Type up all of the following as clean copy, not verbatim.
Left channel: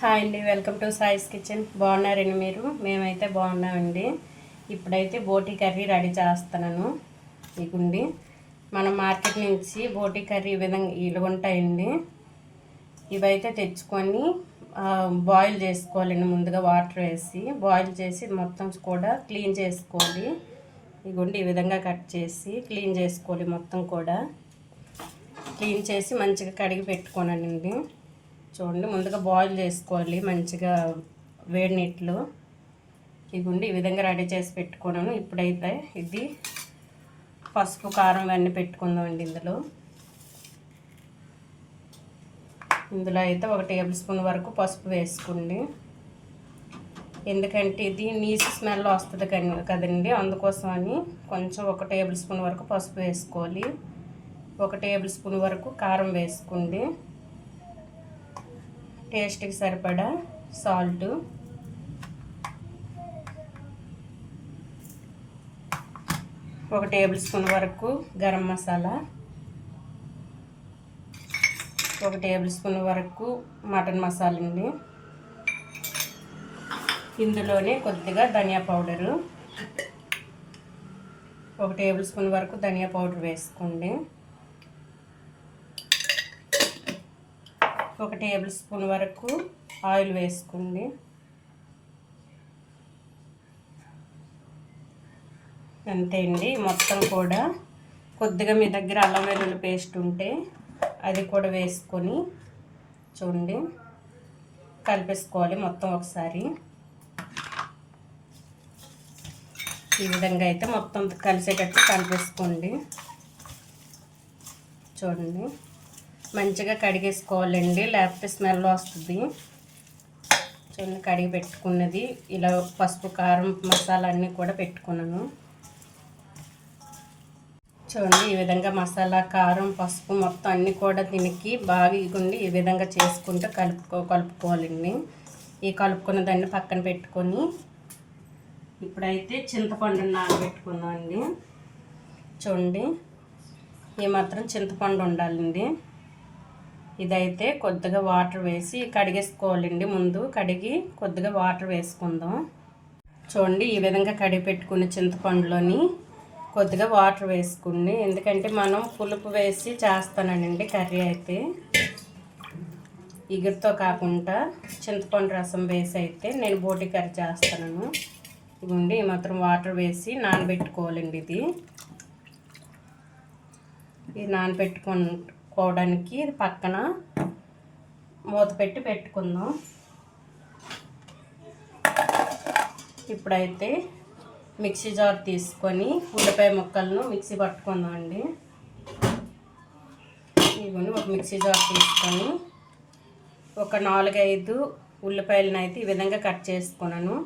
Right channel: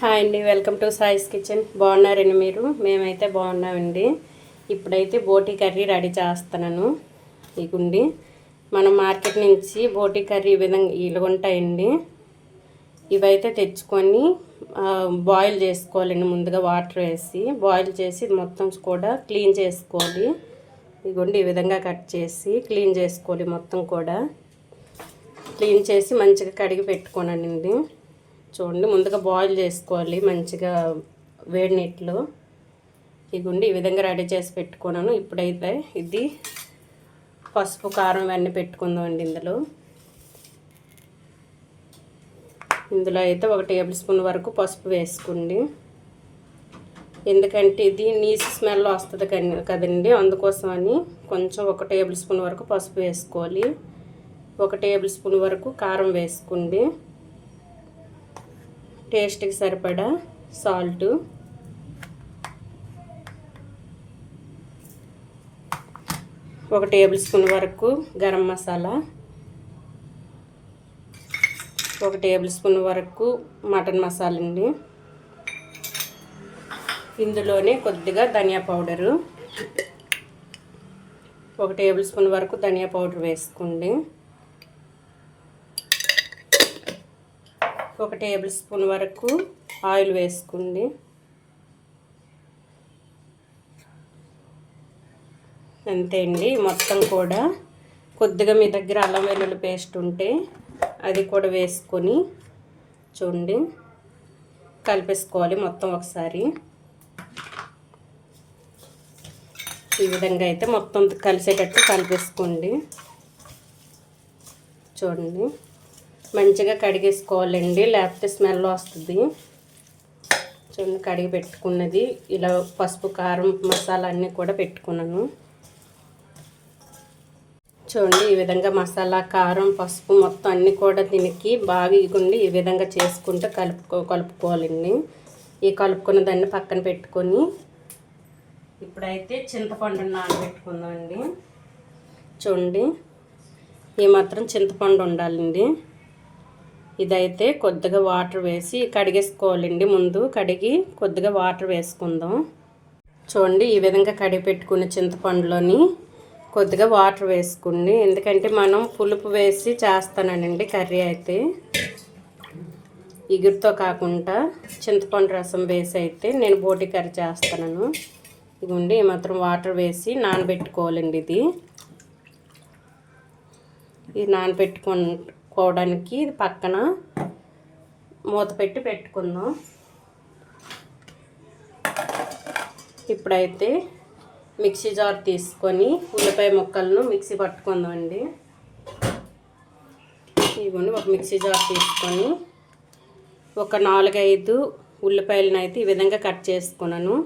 Hi అండి, welcome to సాయిస్ kitchen. బాగున్నారండి మీరు? మేమైతే బాగున్నామండి. ఇప్పుడైతే బోటీ కర్రీ రెడీ చేస్తున్నాను. ఇగుండి మనం మార్కెట్ నుంచి బోటీ కర్రీ ఈ విధంగా ఇలా ఉంటాయండి. ఇవైతే తెచ్చుకొని బాయిల్ చేసుకోవాలండి. ముందుగా వాటర్ వేసి బాయిల్ చేసి మొత్తం కూడా క్లీన్ చేసుకోవాలి. ఇగుండి ఈ విధంగా కట్ చేసి క్లీన్ చేసుకోవాలి. మొత్తం కూడా క్లీన్ చేసి మంచిగా కడిగి పెట్టుకోనండి. చూడండి, ముందుగా బాయిల్ చేసుకోవాలి మంచిగా వేడి నీటిలో. ఇగుండి ఈ విధంగా రెడీ చేసి పెట్టుకున్నాను. ఇప్పుడైతే ఇది పసుపు కారం అన్నీ పెట్టుకుందామండి. ఇందులో అయితే 1 టేబుల్ స్పూన్ వరకు పసుపు వేసుకోండి. ఎందుకంటే ఇది నీసు స్మెల్ వస్తుంది కదండి, అందుకోసమని కొంచెం 1 టేబుల్ స్పూన్ వరకు పసుపు వేసుకోవాలి. 1 టేబుల్ స్పూన్ వరకు కారం వేసుకోండి. టేస్ట్కి సరిపడా సాల్ట్, 1 టేబుల్ స్పూన్ వరకు గరం మసాలా, 1 టేబుల్ స్పూన్ వరకు మటన్ మసాలా అండి. ఇందులోనే కొద్దిగా ధనియా పౌడరు, 1 టేబుల్ స్పూన్ వరకు ధనియా పౌడర్ వేసుకోండి. 1 టేబుల్ స్పూన్ వరకు ఆయిల్ వేసుకోండి. అంతే అండి. మొత్తం కూడా కొద్దిగా మీ దగ్గర అల్లం వెల్లుల్లి పేస్ట్ ఉంటే అది కూడా వేసుకొని చూడండి కలిపేసుకోవాలి మొత్తం ఒకసారి. ఈ విధంగా అయితే మొత్తం కలిసేటట్టు కలిపేసుకోండి. చూడండి, మంచిగా కడిగేసుకోవాలండి, లేకపోతే స్మెల్ వస్తుంది. చూడండి, కడిగి పెట్టుకున్నది ఇలా పసుపు కారం మసాలా అన్నీ కూడా పెట్టుకున్నాను. చూడండి, ఈ విధంగా మసాలా కారం పసుపు మొత్తం అన్నీ కూడా దీనికి బాగా ఇగుండి ఈ విధంగా చేసుకుంటే కలుపుకోవాలండి. ఈ కలుపుకున్న దాన్ని పక్కన పెట్టుకొని ఇప్పుడైతే చింతపండు నానబెట్టుకుందాం అండి. చూడండి, ఈ మాత్రం చింతపండు ఉండాలండి. ఇదైతే కొద్దిగా వాటర్ వేసి కడిగేసుకోవాలండి. ముందు కడిగి కొద్దిగా వాటర్ వేసుకుందాం. చూడండి, ఈ విధంగా కడిగి పెట్టుకున్న చింతపండులోని కొద్దిగా వాటర్ వేసుకోండి. ఎందుకంటే మనం పులుపు వేసి చేస్తానండి కర్రీ అయితే, ఇగురుతో కాకుండా చింతపండు రసం వేసి అయితే నేను బోటి కర్రీ చేస్తాను. ఇదిగోండి, ఈ మాత్రం వాటర్ వేసి నానబెట్టుకోవాలండి. ఇది నానబెట్టుకోవడానికి ఇది పక్కన మూత పెట్టి పెట్టుకుందాం. ఇప్పుడైతే మిక్సీ జార్ తీసుకొని ఉల్లిపాయ ముక్కలను మిక్సీ పట్టుకుందాం అండి. ఇవన్నీ ఒక మిక్సీ జార్ తీసుకొని ఒక 4-5 ఉల్లిపాయలను అయితే ఈ విధంగా కట్ చేసుకున్నాను.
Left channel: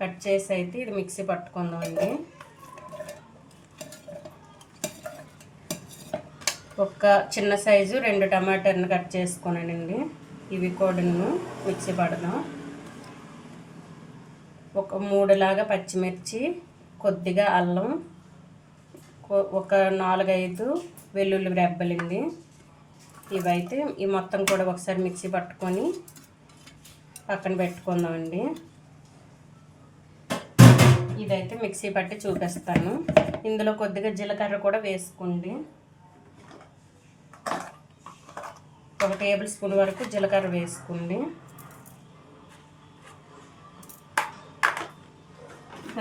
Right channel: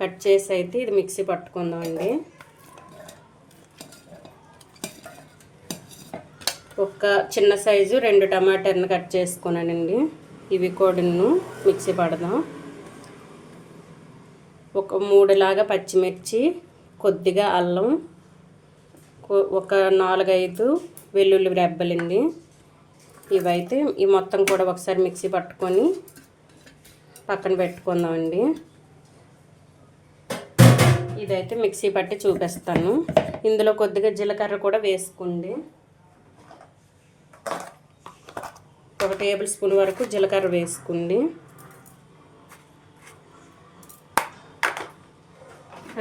కట్ చేసి అయితే ఇది మిక్సీ పట్టుకుందాం అండి. ఒక చిన్న సైజు 2 టమాటాలను కట్ చేసుకున్నానండి. ఇవి కూడా మిక్సీ పడదాం. ఒక 3 పచ్చిమిర్చి, కొద్దిగా అల్లం, ఒక 4-5 వెల్లుల్లి రెబ్బలండి. ఇవైతే ఈ మొత్తం కూడా ఒకసారి మిక్సీ పట్టుకొని పక్కన పెట్టుకుందామండి. ఇదైతే మిక్సీ పట్టి చూపిస్తాను. ఇందులో కొద్దిగా జీలకర్ర కూడా వేసుకోండి. 1 టేబుల్ స్పూన్ వరకు జీలకర్ర వేసుకోండి.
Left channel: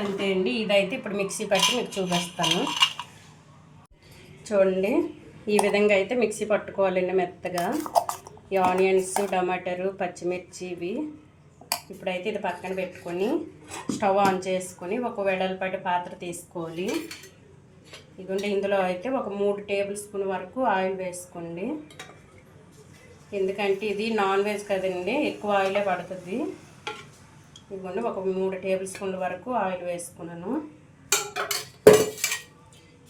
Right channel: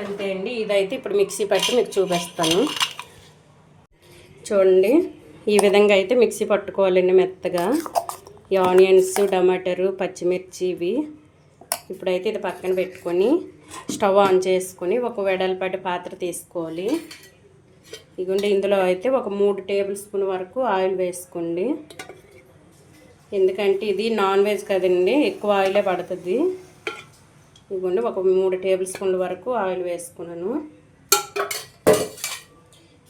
అంతే అండి. ఇదైతే ఇప్పుడు మిక్సీ పట్టి మీకు చూపిస్తాను. చూడండి, ఈ విధంగా అయితే మిక్సీ పట్టుకోవాలండి మెత్తగా. ఈ ఆనియన్స్, టమాటాలు, పచ్చిమిర్చి ఇవి. ఇప్పుడైతే ఇది పక్కన పెట్టుకొని స్టవ్ ఆన్ చేసుకొని ఒక వెడల్పాటి పాత్ర తీసుకోవాలి. ఇదిగోండి, ఇందులో అయితే ఒక 3 టేబుల్ స్పూన్ వరకు ఆయిల్ వేసుకోండి. ఎందుకంటే ఇది నాన్ వెజ్ కదండి, ఎక్కువ ఆయిలే పడుతుంది. ఇదిగోండి, ఒక 3 టేబుల్ స్పూన్ల వరకు ఆయిల్ వేసుకున్నాను.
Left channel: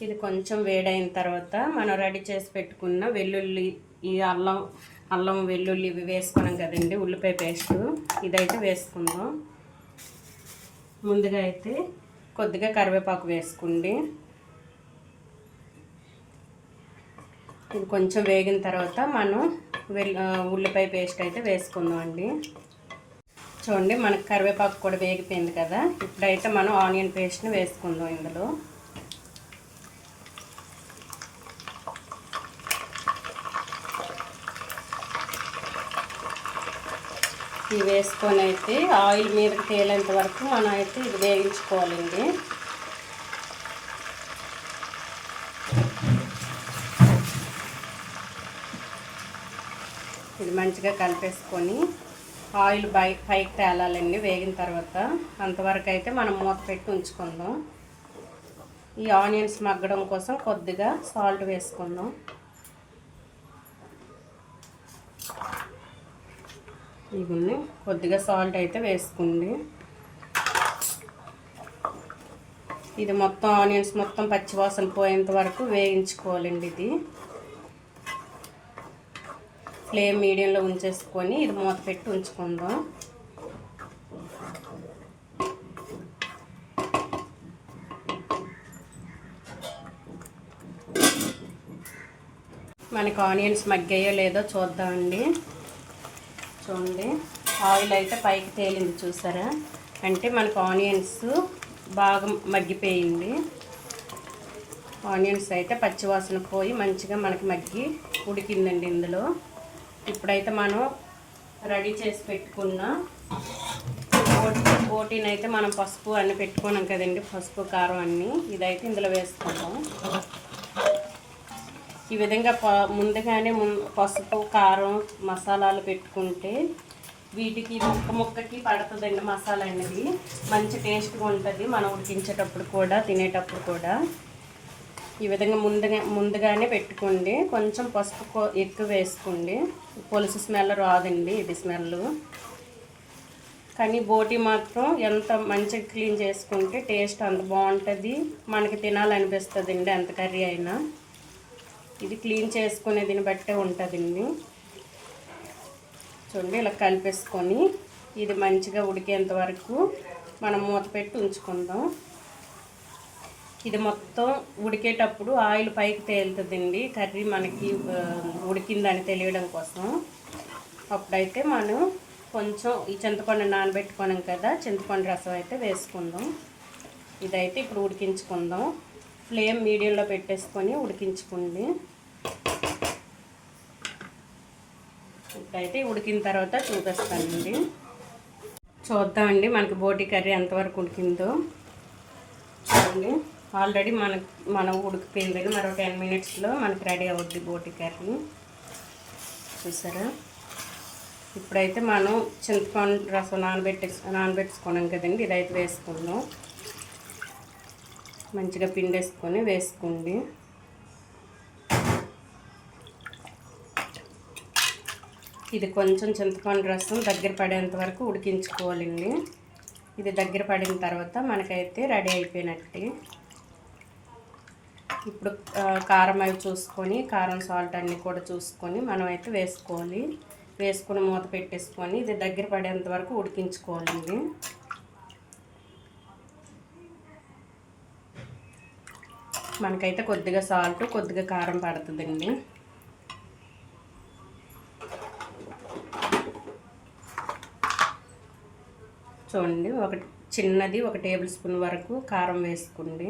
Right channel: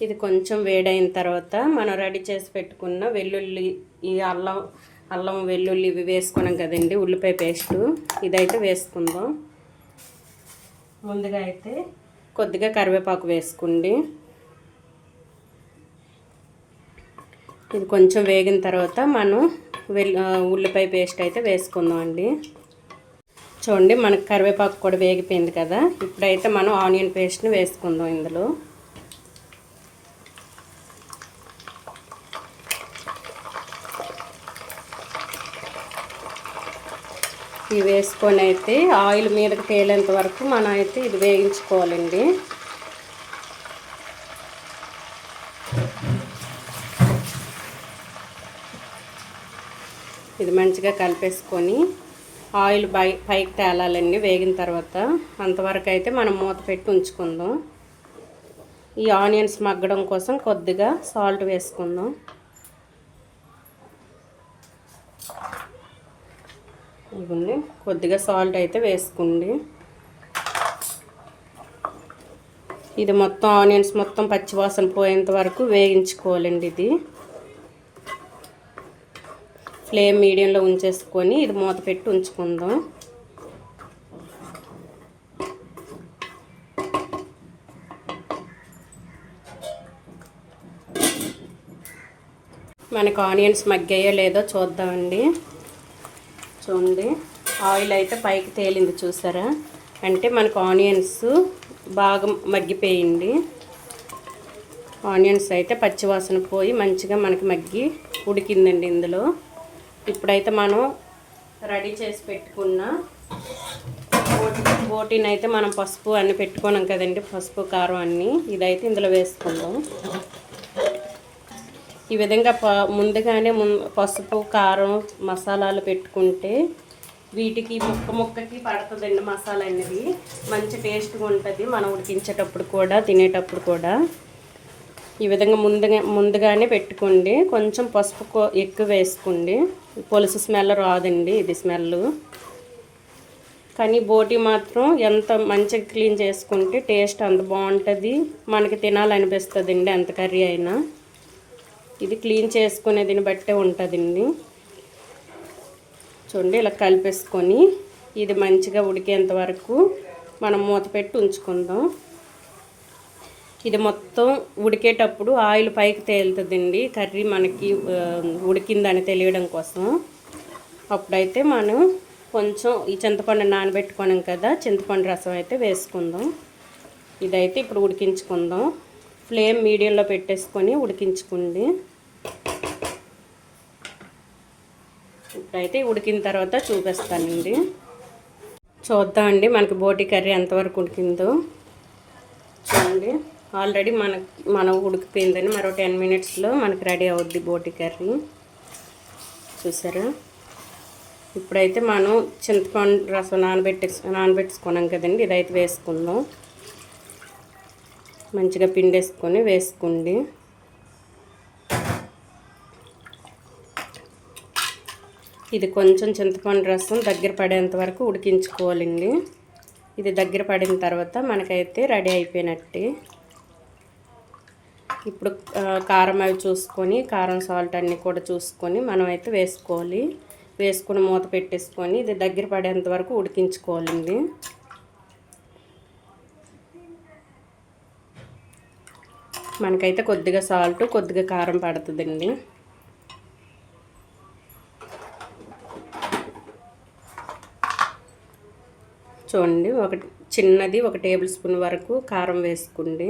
ఇది కొంచెం వేడైన తర్వాత మనం రెడీ చేసి పెట్టుకున్న వెల్లుల్లి, ఈ అల్లం వెల్లుల్లి ఇవి వేసుకున్నాం కదండి, ఉల్లిపాయ పేస్టు ఇదైతే వేసుకుందాం. ముందుగా అయితే కొద్దిగా కరివేపాకు వేసుకోండి. ఇది కొంచెం వేగిన తర్వాత మనం ఉల్లిపాయ పేస్ట్ అయితే వేసుకుందాం అండి. చూడండి మనకు కరివేపాకు కూడా వేగిపోయింది కదా. ఇప్పుడైతే మనం ఆనియన్ పేస్ట్ని వేసుకుందాం ఇందులో. ఇవి వేసుకొని అయితే ఆయిల్ మీదకి తేలేంత వరకు మనం అయితే ఇది వేయించుకోవాలండి. ఇది మంచిగా కలిపేసుకొని ఆయిల్ పైకి తేలాలండి వేగిన తర్వాత. అంతవరకు అయితే మనం మూత పెట్టి ఉంచుకుందాం. ఈ ఆనియన్స్ మగ్గడం కోసం కొద్దిగా సాల్ట్ వేసుకుందాం. ఇవన్నీ కొద్దిగా సాల్ట్ అయితే వేసుకోండి. ఇది మొత్తం ఆనియన్స్ మొత్తం పచ్చివాసన పోయేంత వరకు వేయించుకోవాలండి. ఇది ఫ్లేమ్ మీడియంలో ఉంచేసుకొని ఇది మూత పెట్టి ఉంచుకుందాం. మనకు ఆనియన్స్ మగ్గాయో లేదో చూద్దామండి. చూడండి ఆయిల్ అయితే పైకి తేలింది చూసారా, అంటే మనకు ఆనియన్స్ బాగా మగ్గిపోయింది. ఆనియన్స్ అయితే పచ్చివాసన పోయి మంచిగా మనకి మగ్గి ఉడికిందండి ఇందులో. ఇప్పుడైతే మనం రెడీ చేసి పెట్టుకున్న బోటీని అయితే మనం పసుపు అన్నీ పెట్టుకున్నాం కదండి, పసుపు కారం అన్నీ, ఇదైతే ఇందులో వేసుకుందాం. ఈ విధంగా ముందుగానే పసుపు కారం మసాలాలు పెట్టుకుంటే వీటికి ముక్కకి పడుతుందండి మసాలా అనేది. మంచి టేస్ట్గా ఉంటుంది మనం ఉడికించేటప్పుడు కూడా తినేటప్పుడు కూడా. ఈ విధంగా ముందుగానే పెట్టుకోండి. కొంచెం పసుపు ఎక్కువ వేసుకోండి, పులుసు స్మెల్ రాదండి ఇది స్మెల్. కానీ బోటీ మాత్రం ఎంత మంచిగా క్లీన్ చేసుకుంటే టేస్ట్ అంత బాగుంటుంది, మనకి తినాలనిపిస్తుందండి ఎంత కర్రీ అయినా. ఇది క్లీన్ చేసుకునే దీన్ని బట్టే ఉంటుందండి. చూడండి ఇలా కలిపేసుకొని ఇది మంచిగా ఉడికేంత వరకు మనం మూత పెట్టి ఉంచుకుందాం. ఇది మొత్తం ఉడికేటప్పుడు ఆయిల్ పైకి తేలుతుందండి కర్రీ మనకి ఉడికిందని తెలియడం కోసం. అప్పుడైతే మనం కొంచెం ఈ చింతపండు నానబెట్టుకున్నాం కదా, చింతపండు రసం అయితే వేసుకుందాం. ఇదైతే ఇప్పుడు ఉడికించుకుందాం. ఫ్లేమ్ మీడియంలో పెట్టేసుకొని ఉడికించుకోండి. ఇప్పుడైతే ఉడికిన తర్వాత చూపిస్తానండి. చూద్దామండి మనకి బోటీ కర్రీ ఎంతవరకు ఉడికిందో. చూడండి ఆల్రెడీ మనం ఉడికిపోయిందని మరో 10 మినిట్స్లో మనకి రెడీ అవుద్ది బోటీ కర్రీ. చూసారా, ఇప్పుడైతే మనం చింతపండు రసం నానబెట్టుకున్నాం కదండి, ఇదైతే వేసుకుందాం. మంచిగా పిండేసుకొని వేసుకోండి. ఇది కొంచెం చింతపండు రసం దగ్గర పడేంత వరకు ఉడికించుకోవాలండి. ఇది దగ్గర పడిన తర్వాత మనకైతే రెడీ అయిపోయినట్టే. ఇప్పుడు కారం అవి చూసుకొని, కారం సాల్ట్ అన్నీ కూడా చూసుకొని మనం అయితే వేసుకోవాలి. వేసుకొని మూత పెట్టేసుకొని ఇది దగ్గర పడేంత వరకు ఉడికించుకోవాలండి. మనకైతే కొద్దిగా సాల్ట్ కొద్దిగా కారం పడుతుందండి. చూడండి చిన్నది 1 టేబుల్ స్పూన్ వరకు కారం వేసుకోండి.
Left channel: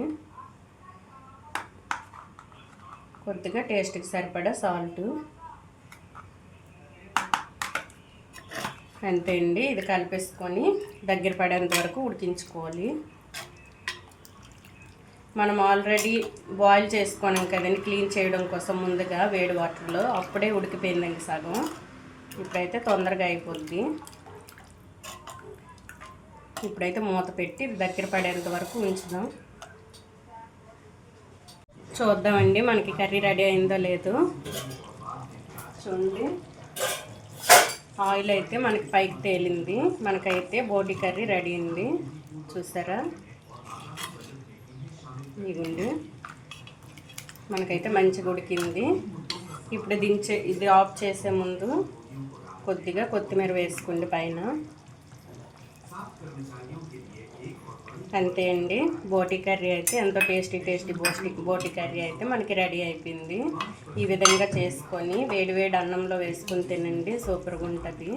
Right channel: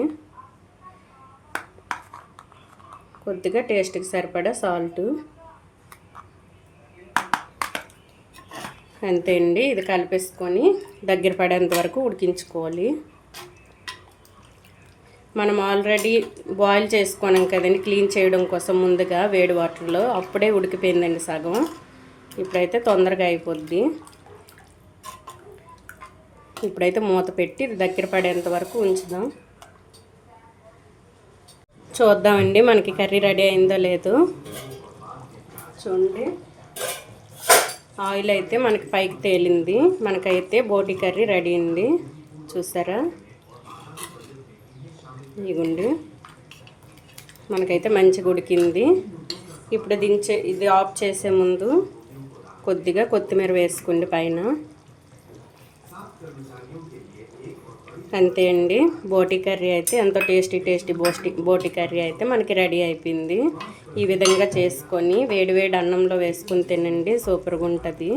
కొద్దిగా టేస్ట్కి సరిపడా సాల్ట్, అంతే అండి. ఇది కలిపేసుకొని దగ్గర పడేంత వరకు ఉడికించుకోవాలి. మనం ఆల్రెడీ బాయిల్ చేసుకున్నాం కదండి క్లీన్ చేయడం కోసం ముందుగా వేడి వాటర్లో, అప్పుడే ఉడికిపోయిందండి సగం. ఇప్పుడైతే తొందరగా అయిపోద్ది. ఇప్పుడైతే మూత పెట్టి దగ్గర పడేంత వరకు ఉంచుదాం. చూద్దామండి మనకి కర్రీ రెడీ అయిందో లేదో. చూడండి ఆయిల్ అయితే మనకి పైకి తేలింది. మనకైతే బోటీ కర్రీ రెడీ అయింది. చూసారా, ఇదిగోండి మనకైతే మంచిగా ఉడికింది. ఇప్పుడు ఇది ఆఫ్ చేసే ముందు కొద్దిగా కొత్తిమీర వేసుకోండి పైన. అంతే అండి, బోటీ కర్రీ అయితే ఎంతో టేస్టీ బోటీ కర్రీ అయితే మనకి రెడీ అయిపోయింది. ఈ విధంగా చేసుకొని వేడివేడి అన్నంలో వేసుకొని తినండి, సూపర్గా ఉంటుంది.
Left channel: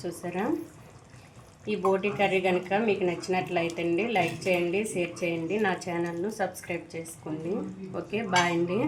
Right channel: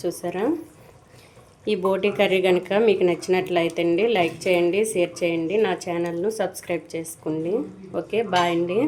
చూసారా, ఈ బోటి కర్రీ కనుక మీకు నచ్చినట్లయితే అండి లైక్ చేయండి, షేర్ చేయండి, నా ఛానల్ను సబ్స్క్రైబ్ చేసుకోండి. ఓకే, బాయ్ అండి.